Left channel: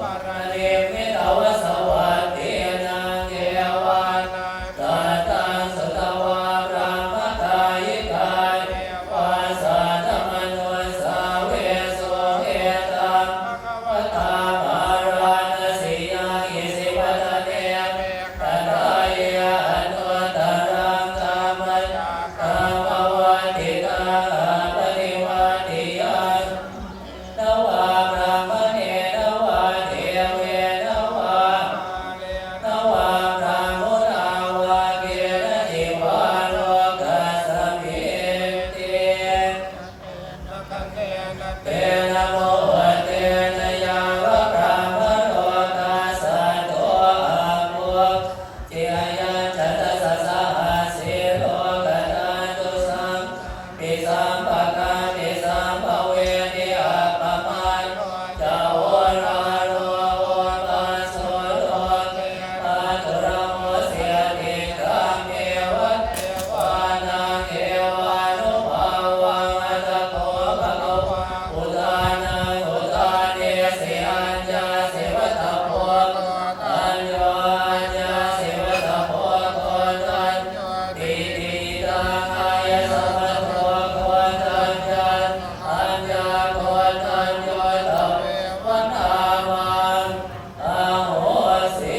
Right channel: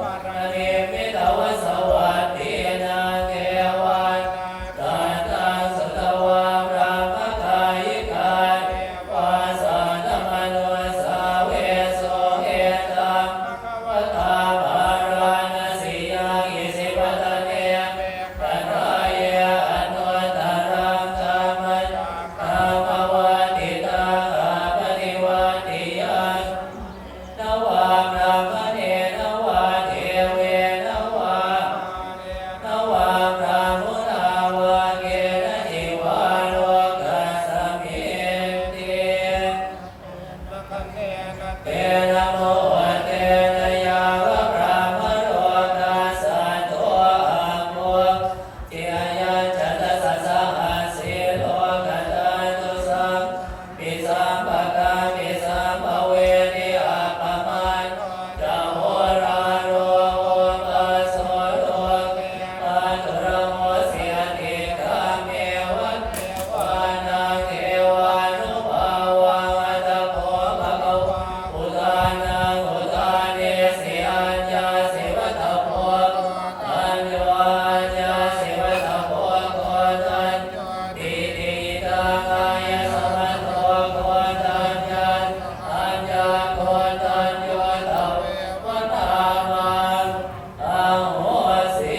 ปารเนมิตวสวัสดีนาเกวันตัตตังสุตวารังคทายิกาวาสาธมนุสาเวโสเอตังภะทาภารานสิยังอิสิปะทะเกปัญญายะอนุตตรังธัมมังธัมมวัฏฏิตังอาปริวัติยังนวาพระมณีนวาเทเวนวานวาพระมุนาวาเกณจิวาโลกัสสมิติเตนะโมเตนะยาวะพระมโลกัสสะโตอะโมจิรยะจัตตสสะอาสิโลกัตตันตุสัมปิสัมภะกะปิสัมภเวนิอาปะมาโนจาโวราโรโอปัสโสโลเกอะตุระโมเสียติคัมเมวัตเทวานังเอวานุภาวังตะโพภะคะวะอุทานังอุทาเนสิอัญญาสิวัตถะโพตัญโยอัญญาสิวัตถะโพโกตัญโยติติตังอายะสัมมโพโกตัญญาอัญญาโกตัญโยทะเววัฏฐามังอะโหสิ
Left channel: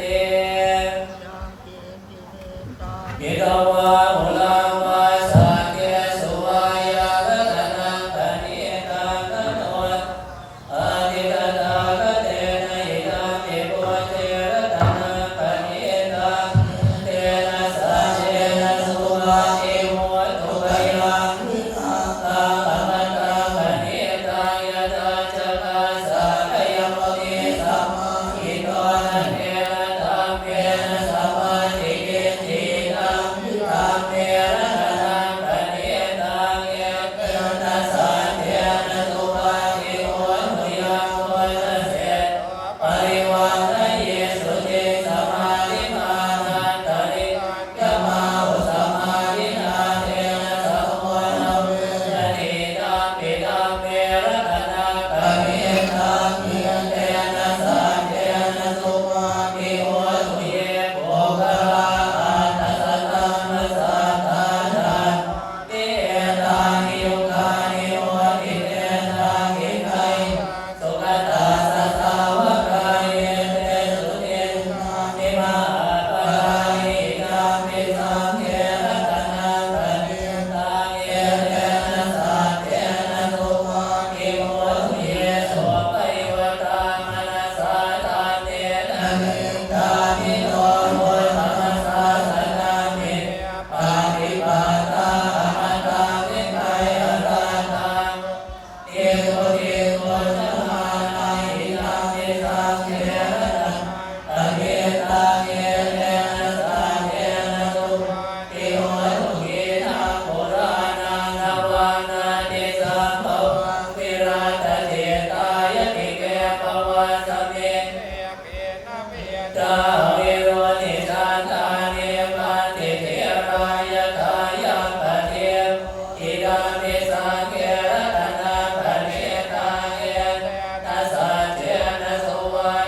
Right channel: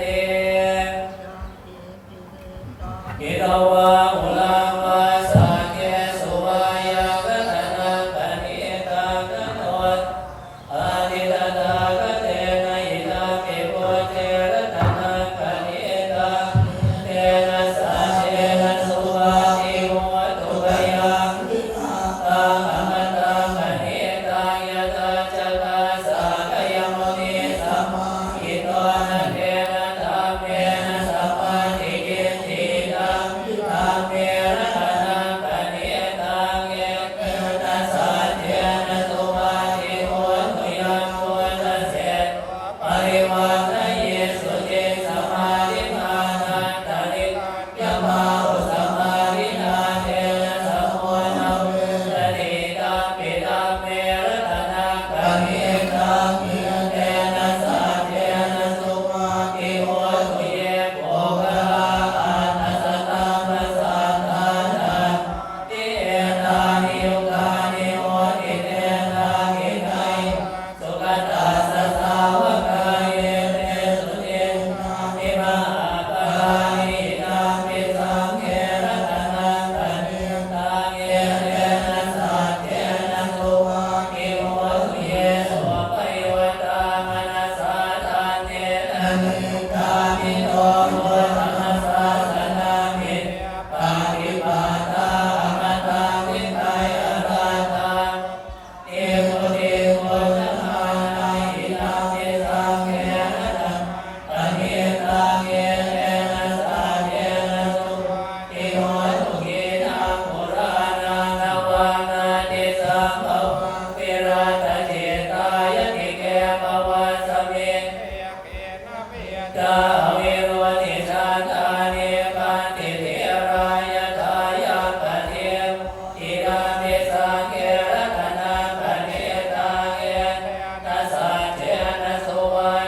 ติกิตวะอุลังวาสังเกสุวายะรัตนังกนิกังกโนอาทิตตากเตนะอิทัมปิปุเตรัตนังกนิตังเตนะสัจเจนะสุมาทิมุตุกยังตังอมตังกนิตังยะตังจักขาสะกยมุนิสัมมาอิโตนะเทนะธัมเมนะสัมมาทิฏฐิตังธัมเมนะกนังกนิตังเยเตนะสัจเจนะสุมาทิมุตุยังมุตเสปริวันนะเยสุจิสมาธิมานันตริยมาอุสมาธินาเทนะสัมมุนาเวสติตัมปิตัมเมรัตนังกนิตังเยเตนะสัจเจนะสุมาธิมุตุเยโภคลาอันนัสตังมัสสัทธานังเอตานิยุคานิโมทิเตนะกินัยสุขตาสัสสาวกายเยเตสุตินิมาปะราหิตัมปิสังเขรัตนังกนิตังเยเตนะสัจเจนะสุมาธิมุตุเยสุปฏิวัตามนัสสะตันเตนะนิทานิโตโมธัมมัสสะสนามิปาฏิปาตาอมตะวิไทยอราตังเอโกเทโกสัมมานาหิตังเมสังเขรัตนังตะเกตังเยเตนะสัจเจนะสุมาธิมุตุเยนะปุรานังนวานาติสัมภวังวิราชเจตายกิเกภวะสเมจาวิรุติสันตานิปันติเทรายทายาปะเทมอิดามิสังเกรัตนังกนิตังเยนะสัจเจนะสุวา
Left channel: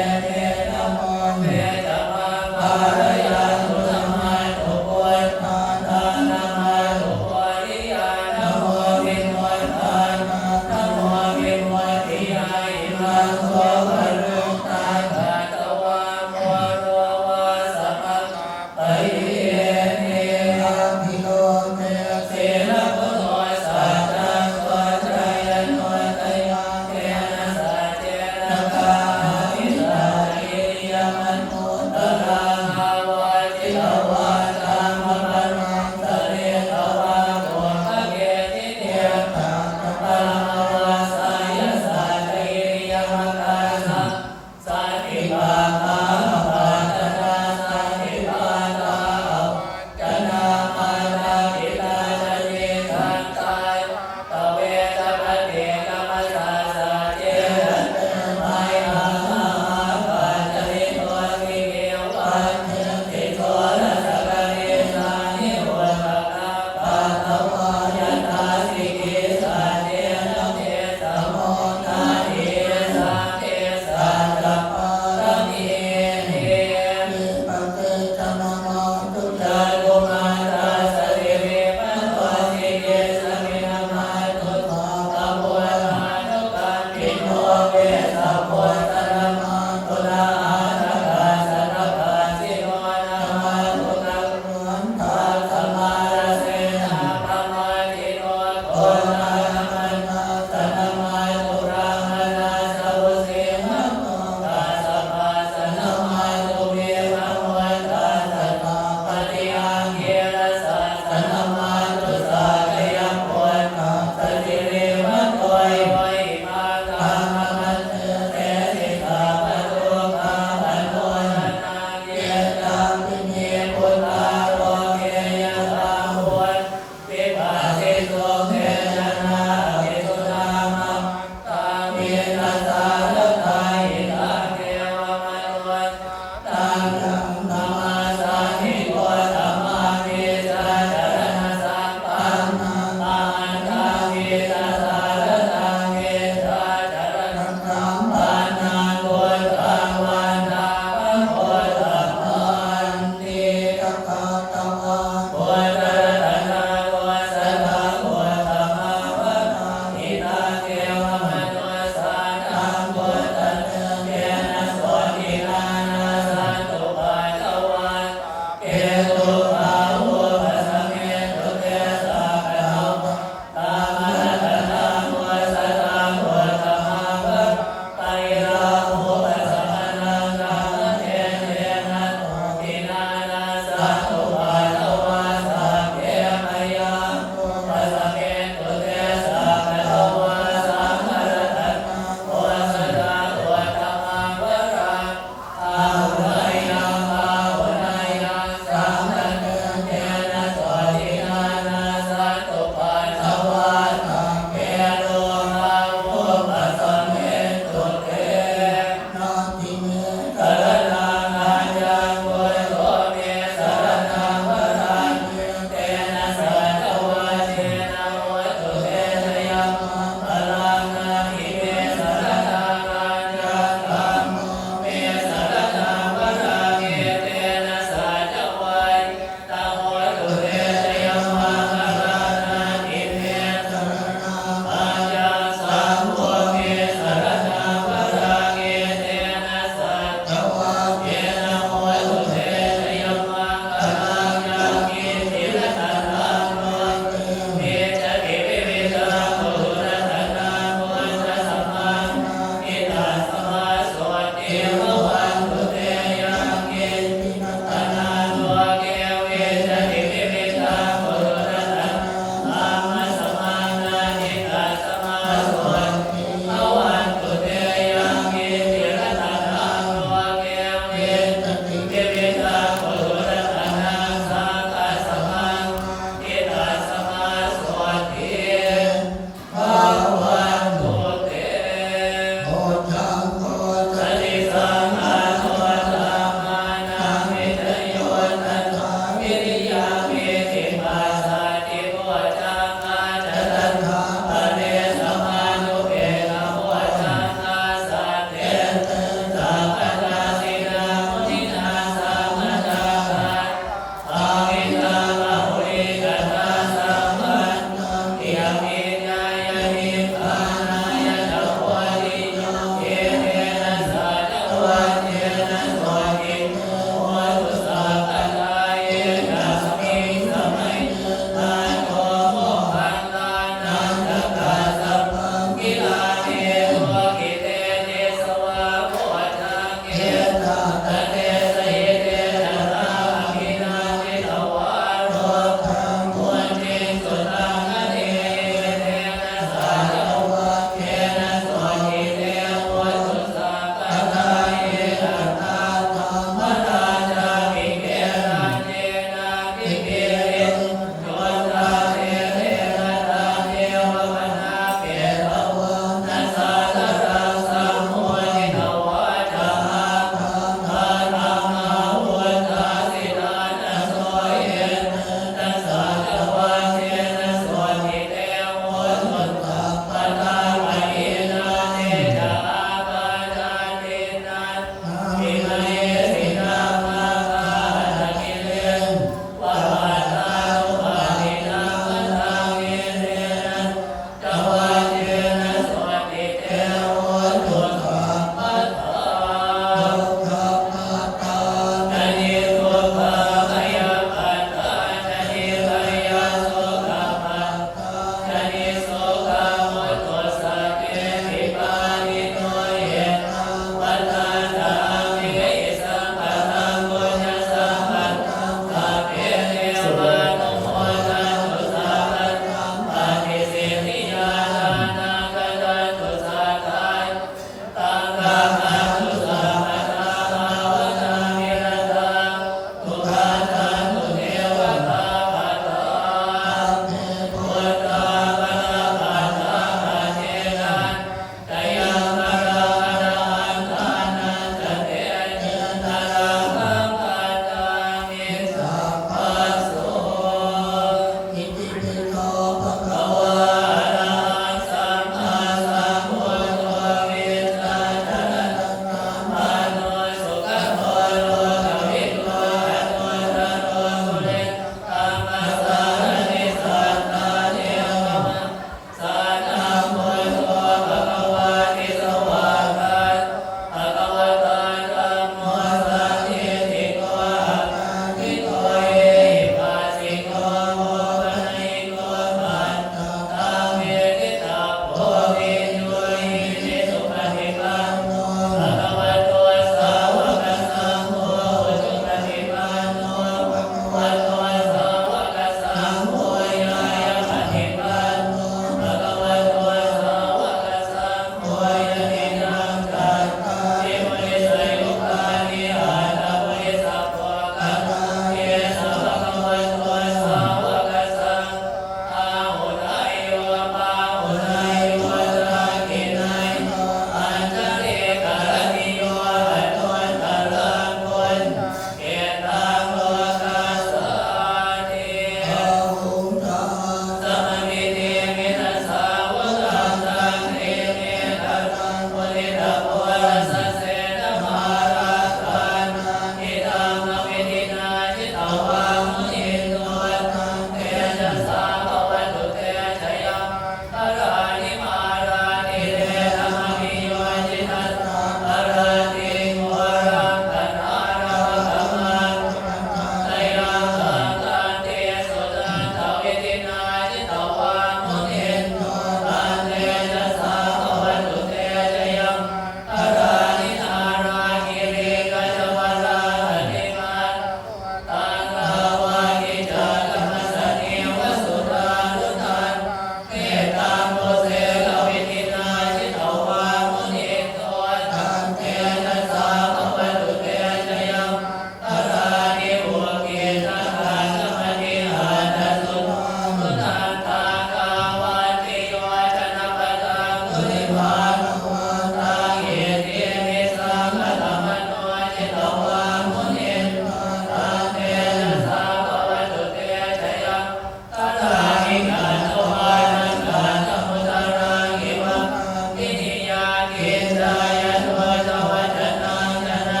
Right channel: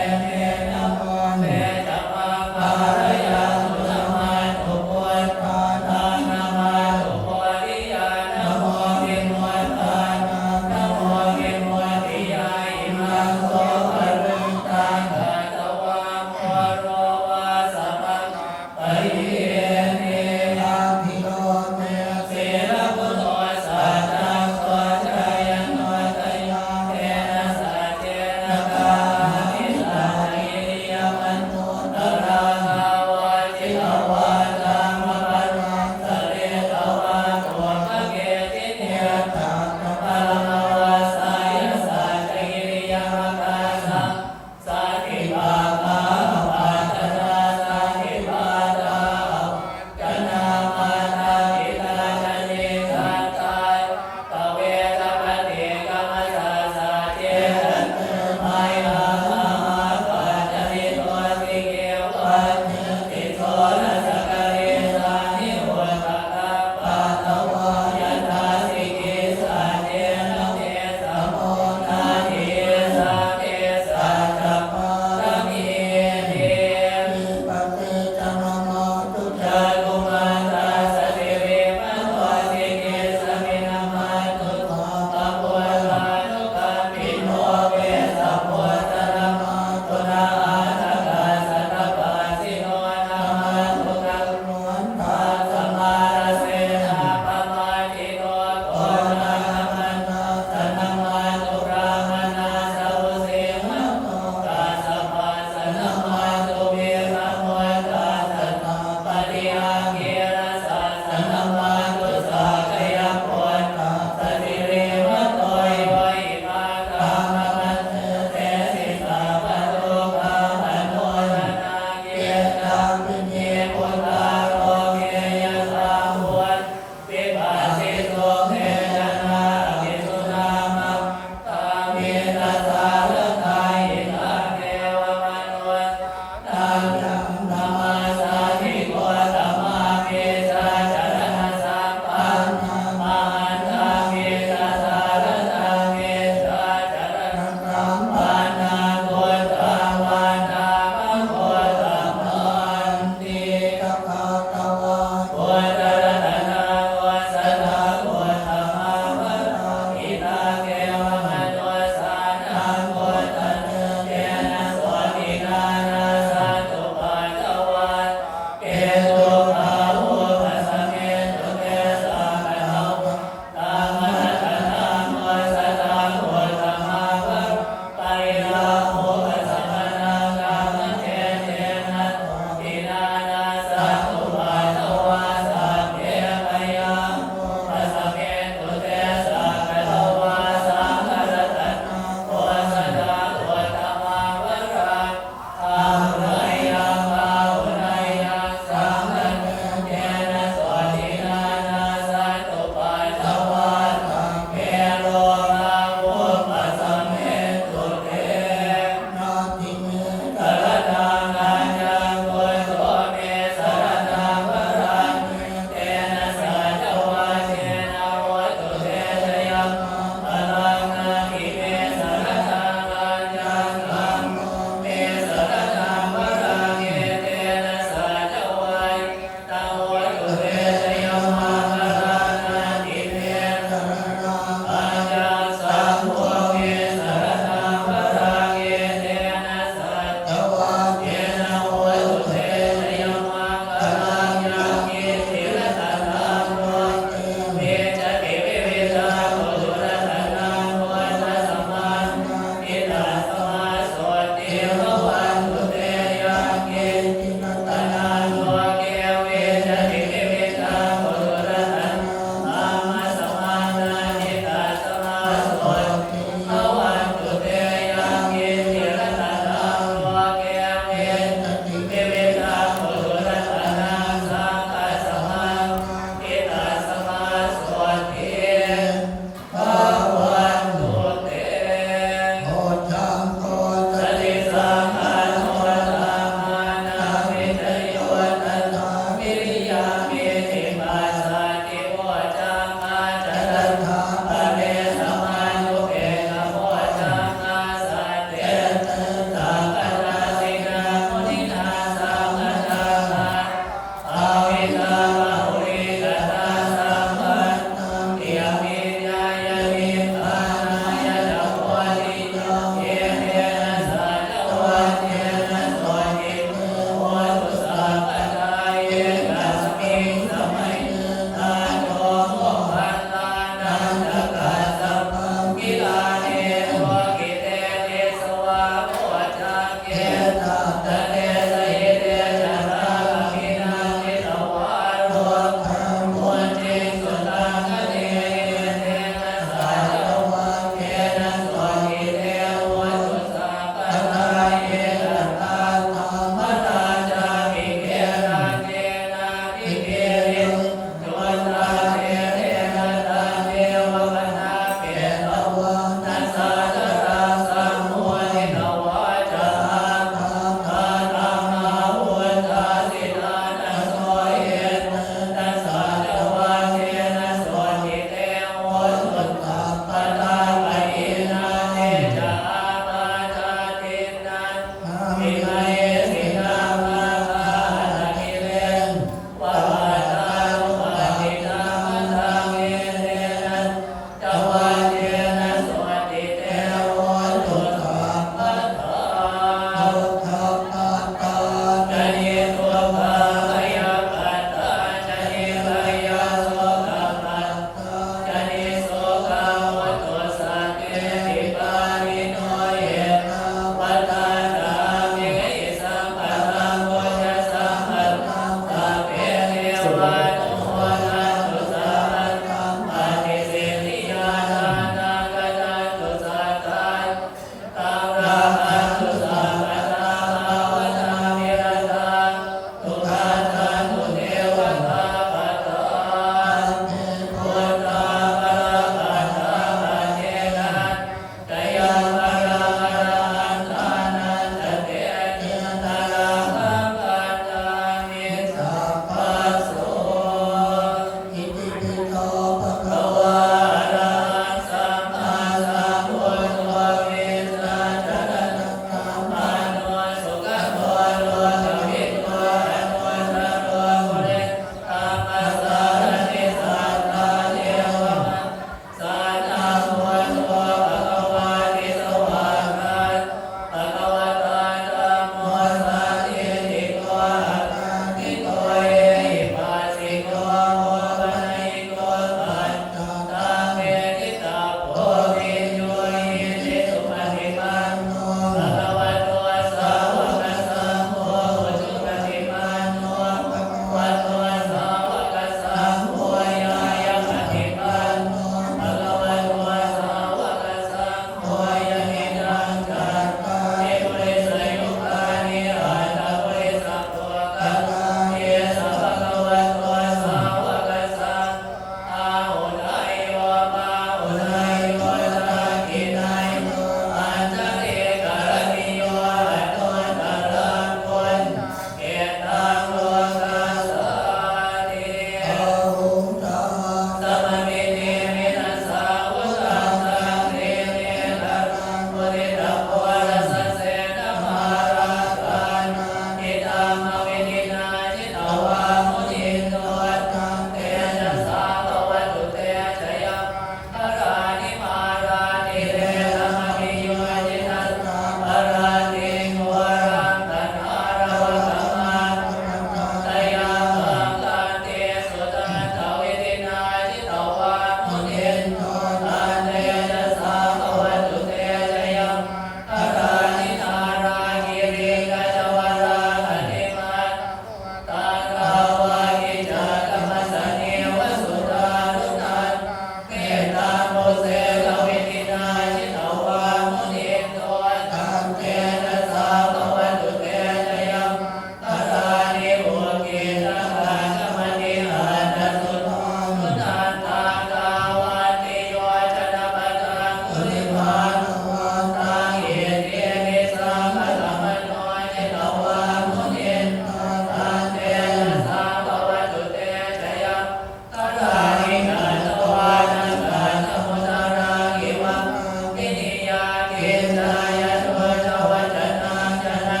จายโนจวัจนังจนะ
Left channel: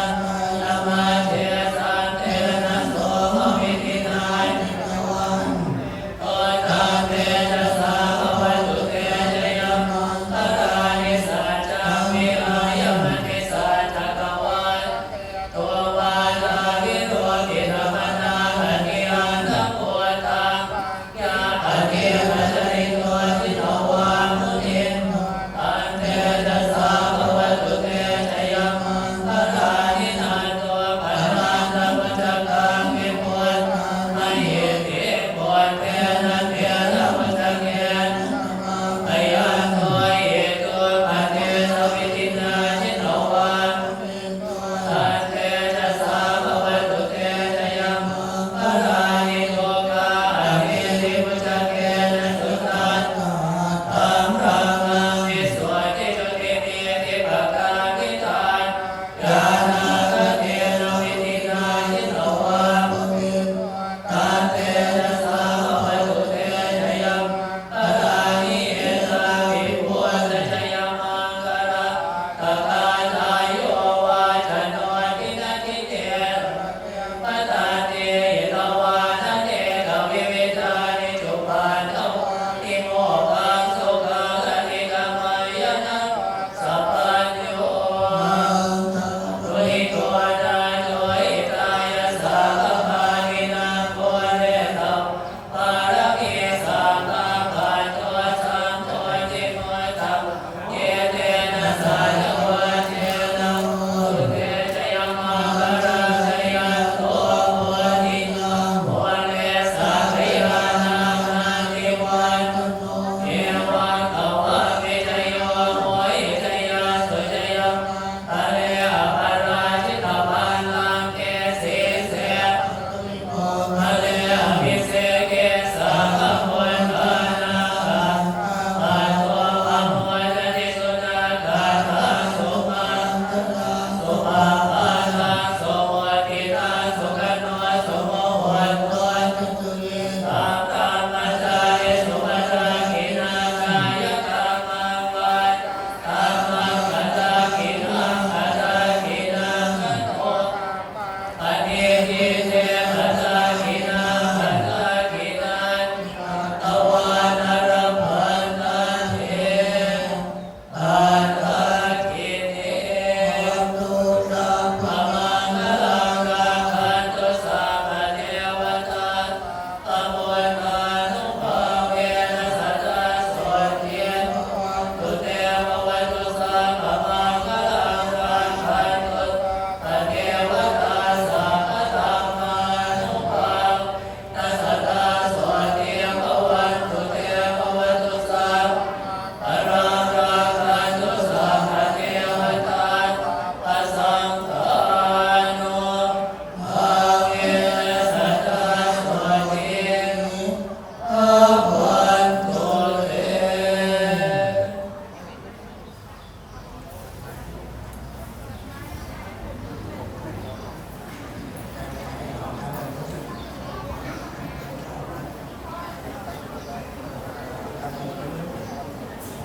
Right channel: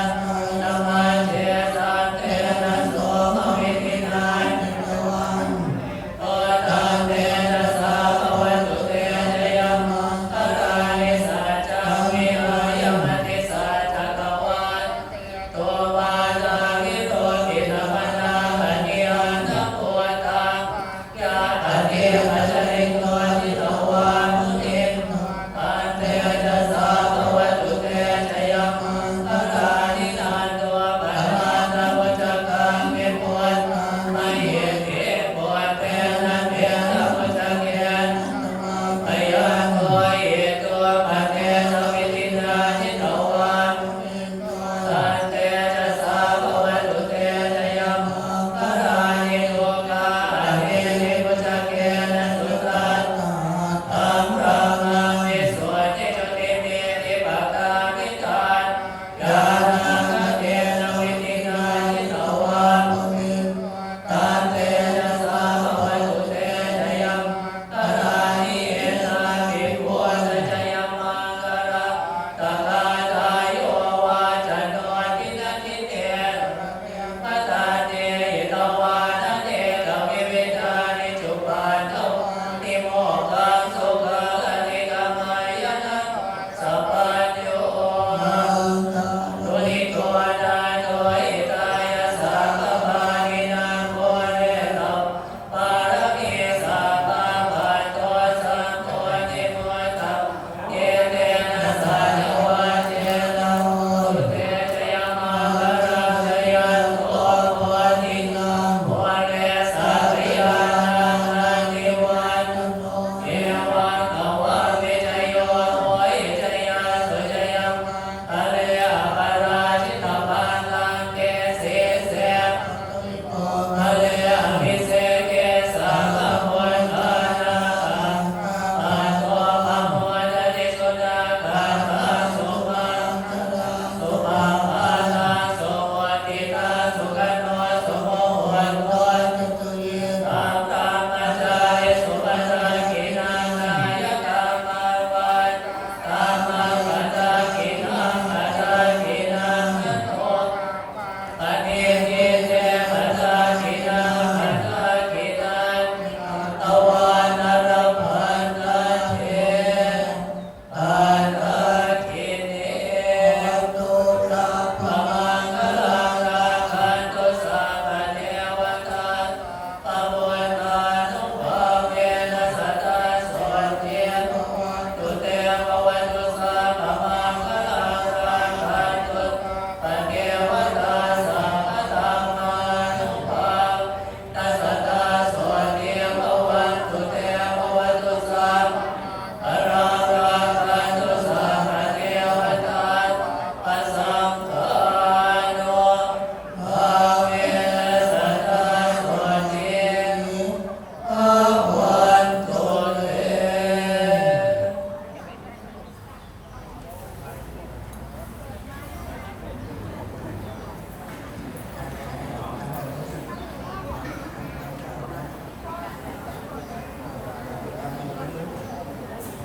นามาเจสันเตนะโสภวิตินายโอตาเตนะสาภวตุเตจยัมตตานิสัจจามิอายมติสัจจกวันตัววาลาภิโรตินะมนาหนิอันตโพตังยาปเนมัจริโตจิตวามุนิอันเตจะสาภวตุเตจยัมตตานินันตัวปัญญาตวัจกังมิปุณมหิมิปุณเตนะเตนะวัจเกนอยันโตเอตัวปัจเจสวิตินาจิตวาอันเตจะสาภวตุเตจยัมตตานิโลกาอเนนิวัจเกนสุตัสธัมรามังนิสวติจุติเมติปะกามิตานยานาคเตนะวิตินาจิตวาตันเตนะสาภวตุเตจยัมตตานิเอนาวิปุณจยัมมังกระตกาทายโยวาจโนทินันทิเตปตาเตตวานะเตกวิเวทานิจุปันโนนิโมกังสุขังอนิกมายนะสัพพัญโยตุนิโกนาโนอิตายะสัพพะนินาโกเรตัมปารมิสัพพะปัตโตสัมโพธิมุตตะเยเตนะสัจวะเจนะโมเตจยมังคารังจยันโตโพธิโมเรสัพพยานานันติวันเอวังอวะเวจโยโมหิจยังสุจยังอะเรอปาราชิตปันลังเกสิเสอะเรอภิเสเกสังฆโมนานาอัตโตปะโมทติสุนาคาถาสุปังสุปังปานังสุโมตินาสุขโนสุโมโหนโตตัมตามัจจาริสุปัจจกินาคายกามังวัฏตัมมังปัจจกินังปัจจกินังโตอเนหิเตปัจจกินังปัจจกินังตวานรพันนันเทปัจจกิเนตุสัพพมังคลังราคันตุสัพพเทวตาอโมตานุภาเวนะสัตตาโสติตุเตววัตุสัพพมังคลังราคันตุเทวตาสัพพธัมมานุภานะสัตตาโสติภวันตุเตววัตุสัพพราราคันตุสัพพเทวตาปัสสังฆาโนภาเวนะสัตตาโสติภวันตุเต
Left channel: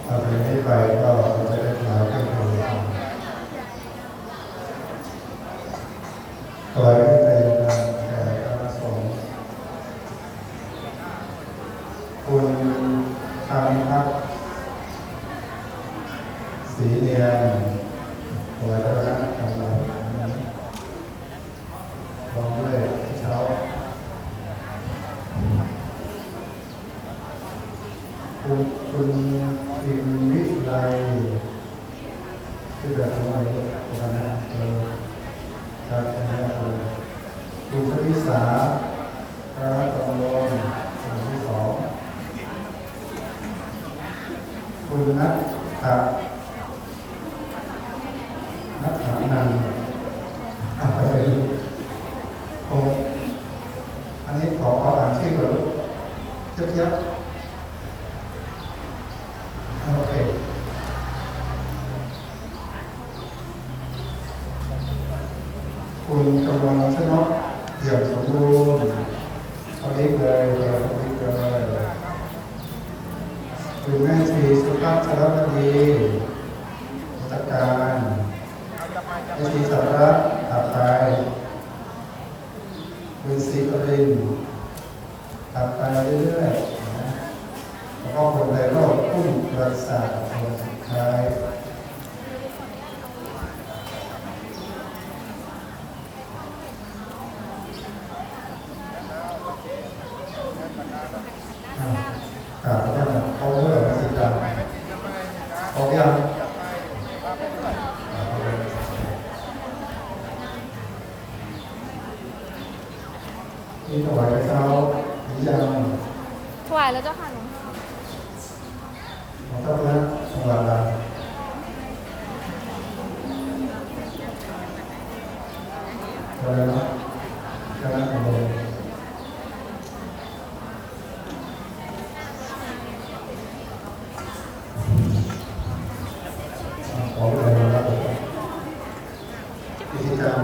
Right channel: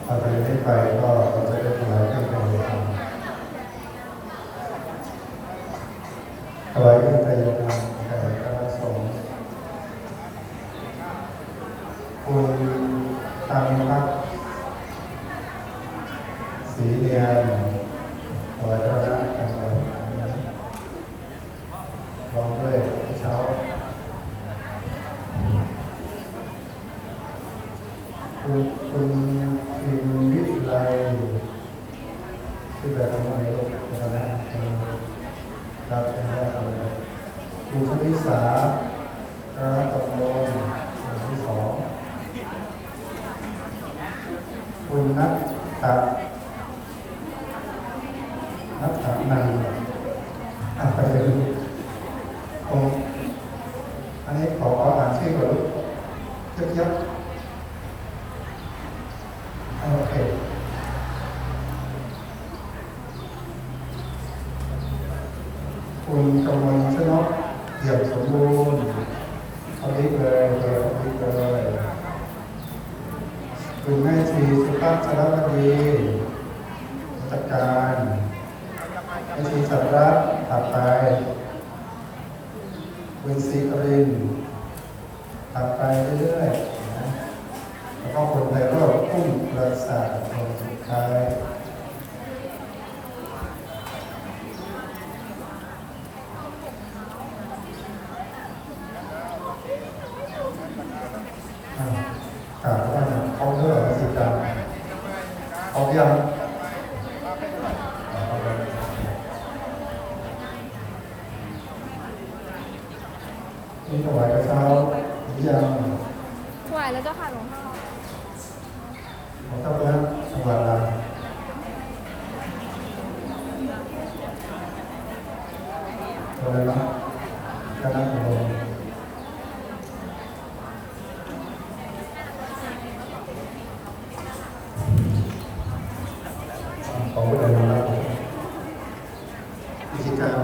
ต่อไปนี้ไปก็เราจะได้ถวายเครื่องแต่งกายถวายเครื่องแต่งกายแด่พระสงฆ์คุณตามพักสีเนียนถวายพระราชทานลองด้วยเช้าคุณอิมวิไลที่แบบทำอะไรลูกนะครับครับนะครับคุณชลิสาครับตำรวจคนที่สองคุณนัทครับนัทนันไปเลยลูกอันนี้ขออ่านชื่อก่อนลูกเทียบโอเคคุณกำลังชนกเดี่ยวสมบูรณ์เอาลิกเลยเอาลิกเลยคุณแม่ชีสุภาพชลวดีจัดการ มีถวายกระเช้าหรือยัง ถวายแล้วเจ้าค่ะหลวงพ่อ ของเจ้าคณะจังหวัดเราเลยเนาะคณะของเราขอเลยนะครับวิธีการ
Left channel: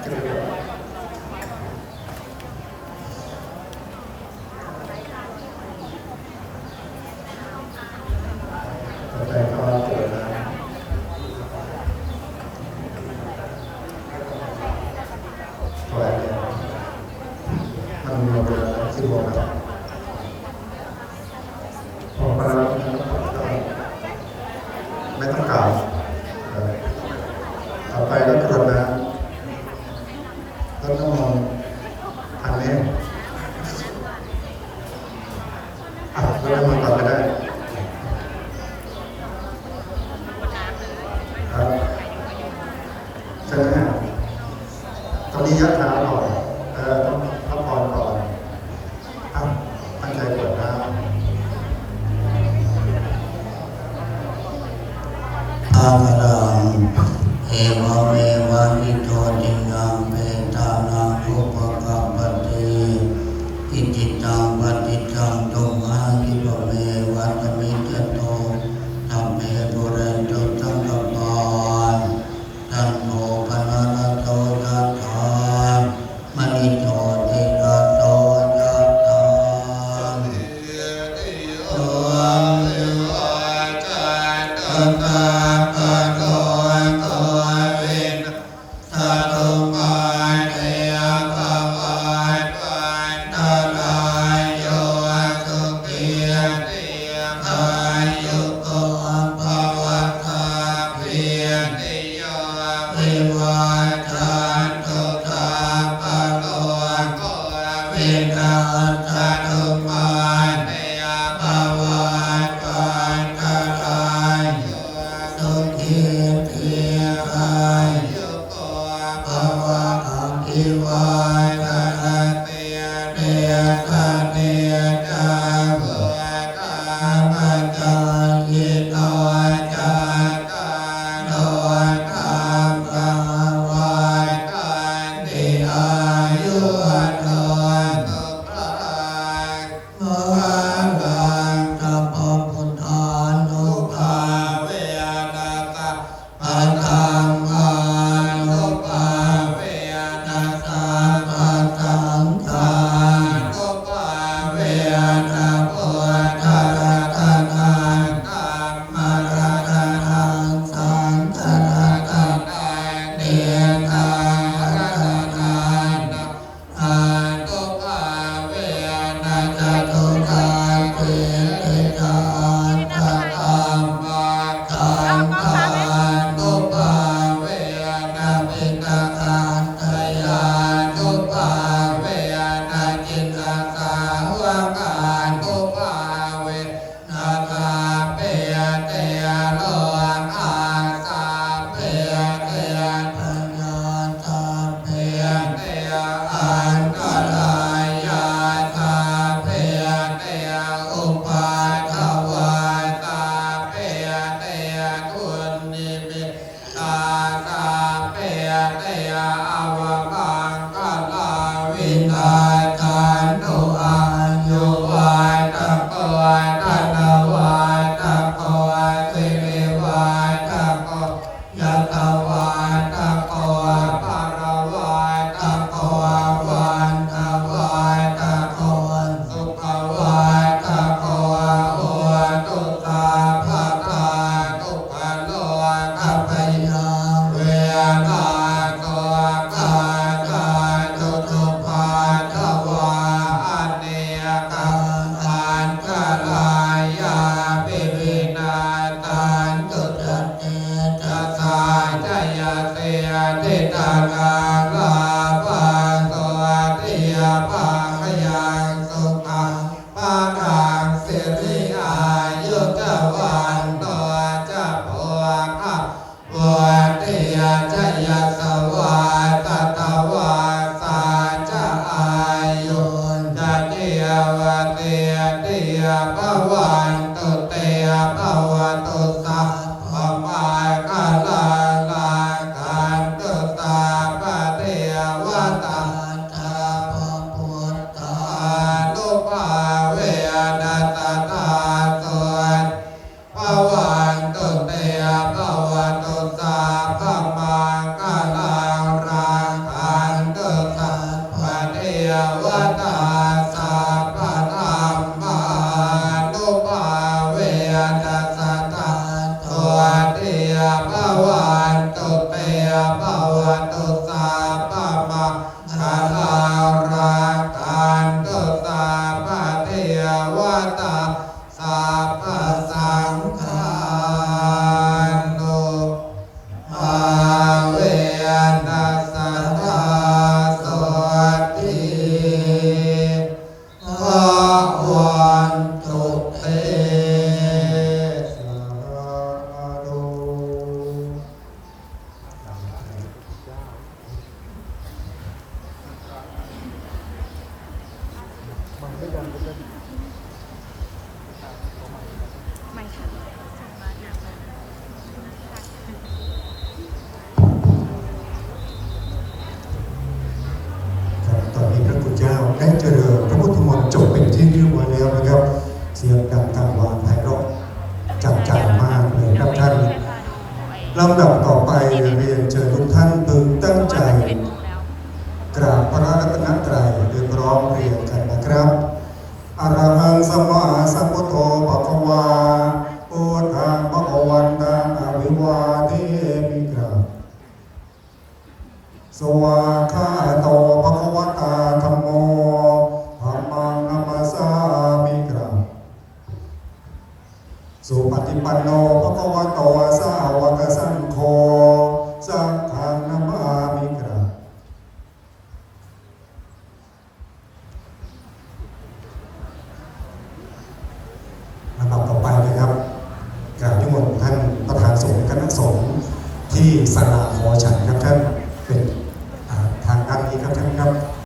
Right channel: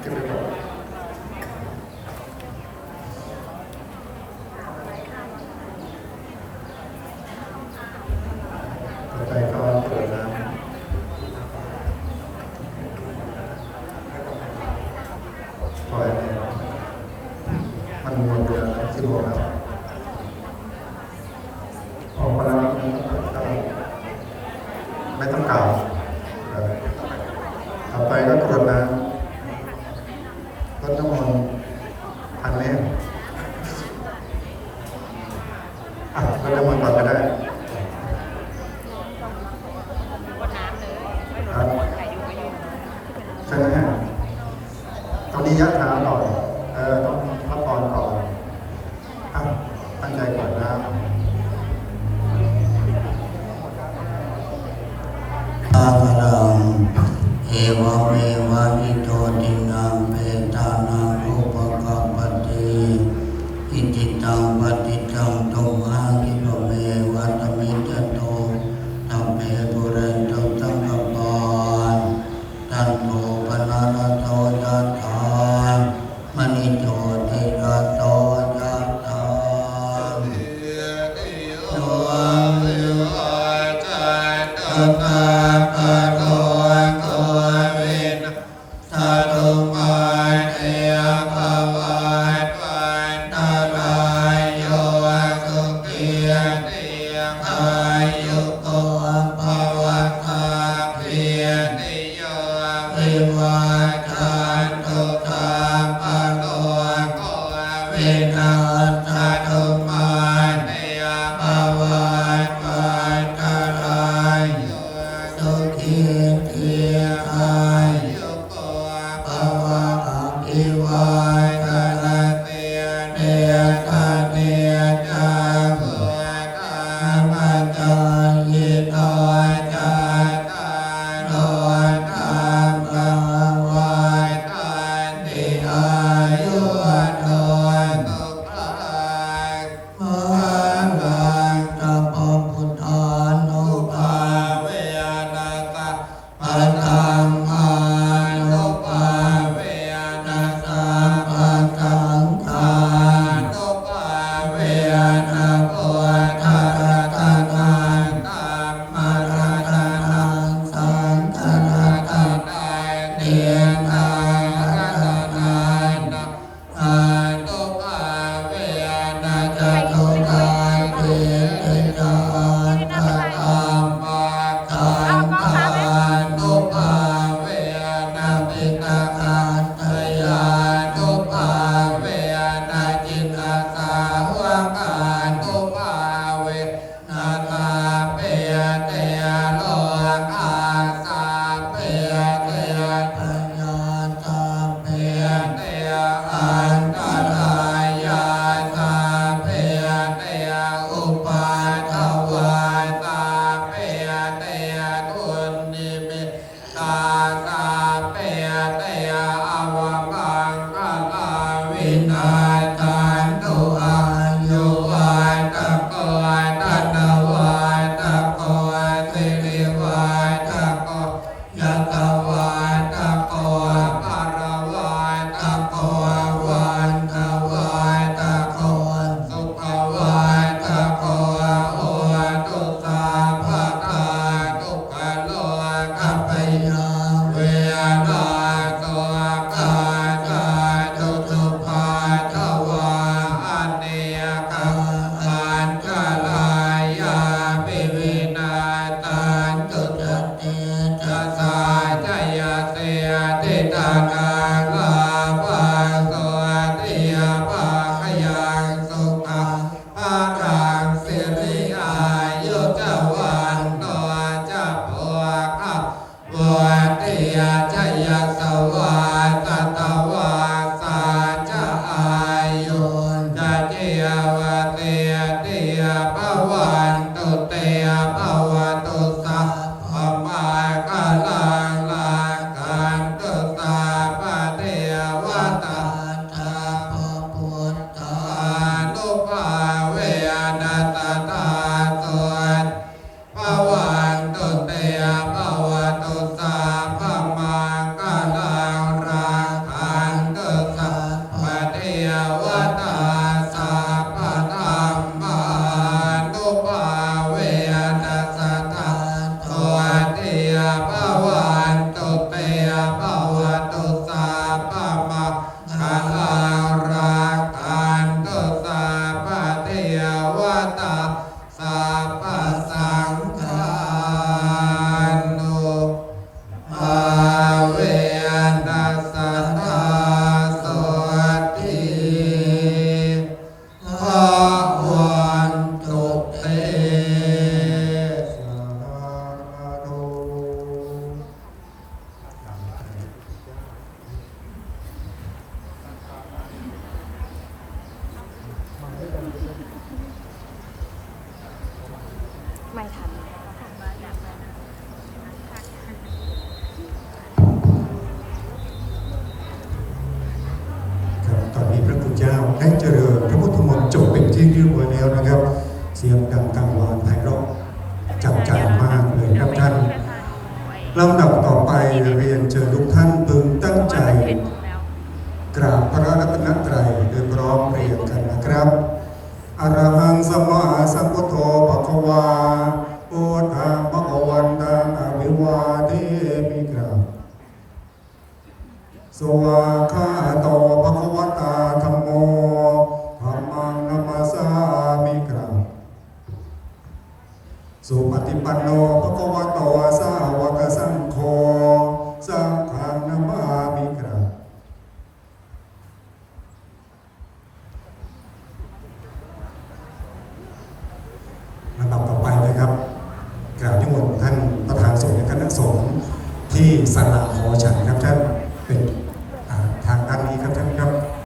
เก็บไว้ก่อนต่อไปก็เปิดน้ำถวายเนี่ยมันรวมเป็นน้ำที่รวมแล้วออกมาแล้วไม่ต้องกล่าวต่อไปก็กรวดน้ำรดน้ำมนต์พันเล่มรดน้ำมนต์ก่อนก็ได้ครับใช่ไหมตอนนี้ยัดเท้าก่อนต้องพักผ่อนก่อนตั้งใจกรวดน้ำ อาลังเอวเมวะอิโตตินังเปตานังอุปกัปปติอิจิตังปฏิตังตุมหังคิปะเมวัตมิจโตธัมเมปุเรนตุสังกปานตันโทปนะระโตยัตถามณิโชติระโตยัตถาโยวิวัจจันตตาปะโรโกวินทะตุมาเตยภวันวันตรายโยสุขีติอายุโกภวะคาภิติโยวิวัจจันตุตาปะโรโกวินาศตุมาเตยภวันวันตรายโยสุขีติอายุโกภวะอภิวาทนาเตียเดียตาเนียจังเพื่อกามจันยิโตจัตตาโนธรรมวันตันติอายุวันโนสุขังภลังสัพพพุทธานุภาเวนะตะปัตตังอานุภาเวนะตะปัตตังทานุภาเวนะพุทธรัตนังธัมมรัตนังสังฆรัตนังเนียนารัตนังอานุภาเวนะจตุราติติกาตธรรมาคันธานุภาเวนะปิตคันธยานุภาเวนะจิตตสาวกานุภาเวนะตาเปยเตยโลอาสาเปยเตยปัญญาตาเปยเตยอันตรายาตาเปยเตยอุปาทวาตาเปยเตยทุนนิมิตตาตาเปยเตยอวมังคลาวินาทันตุอายุวัตโกตันวัตโกสิริวัตโกยัตวัตโกปารวัตโกวันวัตโกสุขวัตโกโอตุตาภะคาตุภะโลกัปปยาเวนาโตกาตาตุตุภาทวาอันเนยกังอันกาลายาปิวินาตันตุตเตจัสสาจยเตติตานาลาภาโตติยภาคยังสุขังภาคังสิริอายุจวันโตจะโพคัพวัติยาจยสวาตตวาสาจ วันตุเตภวันตุสาภมังคลังรังคันตุสัพพะเทวตาสัพพะธัมมานุภาเวนัสสตาโตเตภวันตุเตภวันตุสาภมังคลังรังคันตุสัพพะเทวตาสัพพะสังฆานุภาเวนัสสตาโสติภวันตุเตสาธุ ไม่ค่ะส่งมาจากไหนนะคะ ครับตอนนี้พระคุณเจ้าได้เจริญพระพุทธมนต์จบเป็นที่เรียบร้อยแล้วนะครับ เสียงดังกังวานไพเราะจับใจมากเลยครับท่านลำดับต่อไปเรียนเชิญทุกท่านพึงตั้งใจกราบพระรัตนตรัยโดยพร้อมเพรียงกันนะครับอะระหังสัมมาสัมพุทโธภควาพุทธังภควันตังอภิวาเทมิกราบสวากขาโตภควตาธัมโมธัมมังนัมสสามิกราบสุปฏิปันโนภควโตสาวกสังโฆสังฆังนัมมามิกราบลำดับต่อไปนะครับกราบนิมนต์ท่านประธานสงฆ์และคณะสงฆ์ที่ศาลาหอฉันครับท่าน